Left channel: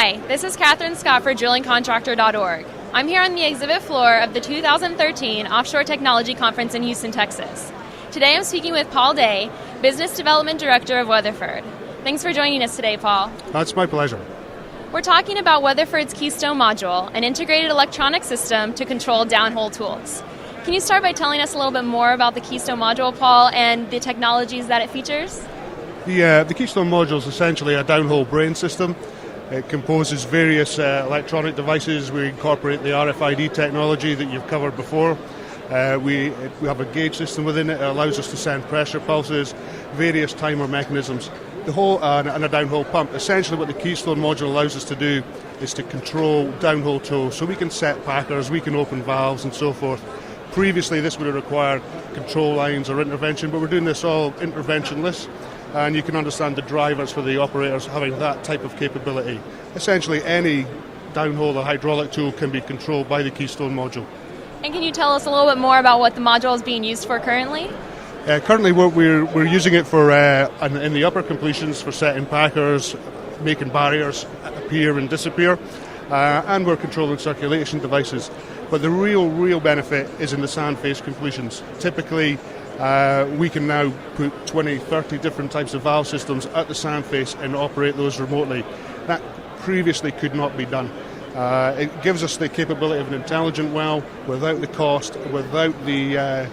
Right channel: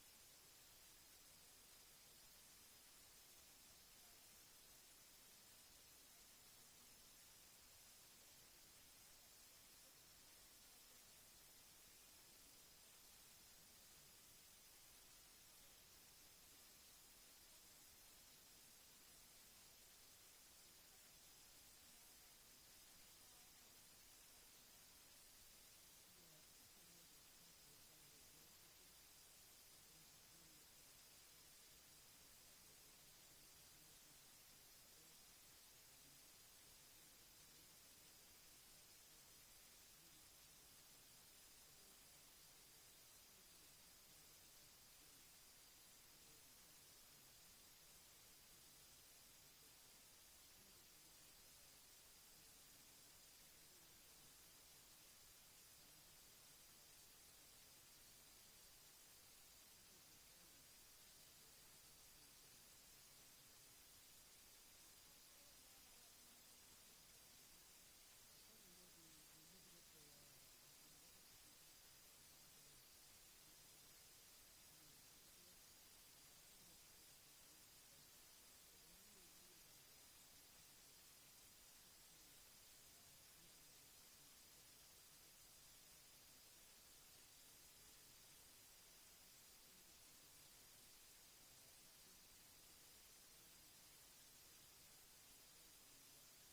Hi, this is Catherine Scott for drillingcontractor.org. I'm here on the exhibit floor of the 2013 Offshore Technology Conference in Houston, Texas. Today I'm speaking with Paul Day, Business Development Director of Weatherford. Thanks for joining us today, Paul. That's my pleasure. We're talking about Weatherford's Keystone module, an integrated electronic system to control downhole tools. Can you start by telling us a little bit more about the Keystone module, Paul, and the technologies that it features? The Keystone module is essentially a downhole brain system. It composes various electronic devices. We incorporate the RFID technology that you've covered before. We have a gauge system within it. It allows us to send pressure pulses, various timer mechanisms, the whole and a downhole pump. Essentially what the Keystone module allows us to do is to control downhole tools. So we can set packers, we can open valves and so forth. Previously this would have required control lines or intervention, but we're doing this all interventionless. And you can understand the drivers for the operators having that type of capability. Essentially any downhole or hydraulic tool can be controlled by the Keystone module. And can you tell us a little bit more about what the module is being used for currently? Currently we're using it for in the upper completions for setting packers, making barriers appear and disappear, and we're controlling circulation devices. But the real benefit is in the sand face completions. Typically we can now put 20, 30 different types of valve systems at the sand face and operate those remotely. That previously could not be done. It gives us the capability of an intelligent well without the cost, without the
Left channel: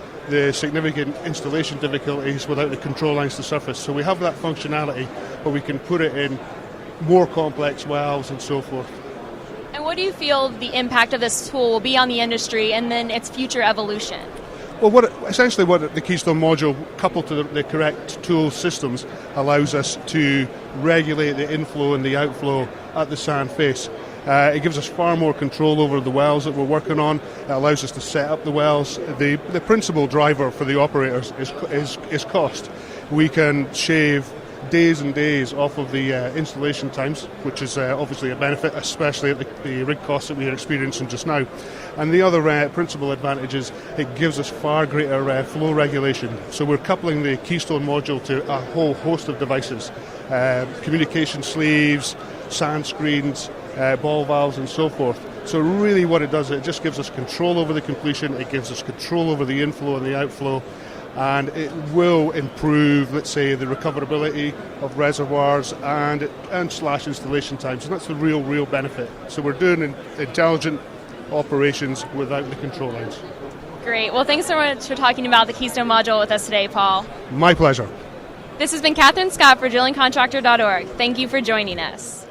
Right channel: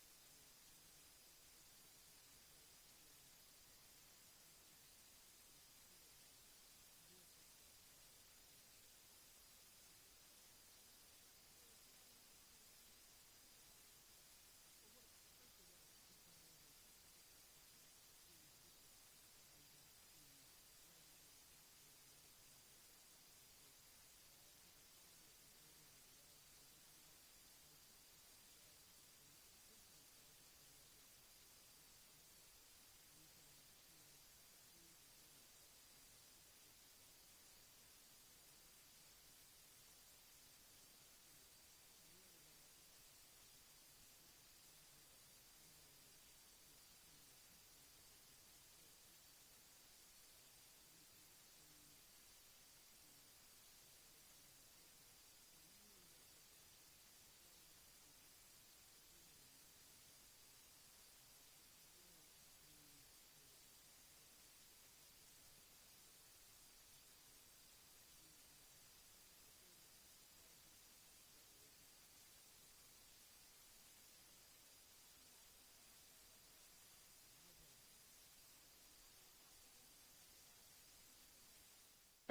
significant installation difficulties, without the control lines to surface. So we have that functionality, but we can put it in more complex wells and so forth. And what do you feel the impact of this tool will be on the industry and then its future evolution? Well, essentially what the Keystone module, coupled to the correct tool systems, allows us to regulate the inflow and the outflow at the sand face. It gives us far more control over the wells that we're working on. It allows us to set up the wells. The principal driver for the operators is cost. We can shave days and days off of the installation times, which is obviously a benefit, especially at the rig costs that we are experiencing just now. And the other principal advantage is it gives us far greater flow regulation. So we're coupling the Keystone module to a whole host of devices, communication sleeves, sand screens, ball valves and so forth. So really what it does, it just gives us control over the completion, it gives us control over the inflow and the outflow, and it will improve, let's say, the recoverability of reservoirs and slash installation times. And that's the real benefit. So we're doing intelligent operations without the control lines. Great. Well, thanks so much for talking about the Keystone module with us today, Paul. My pleasure. This has been Catherine Scott for drillingcontractor.org. Thank you for joining us.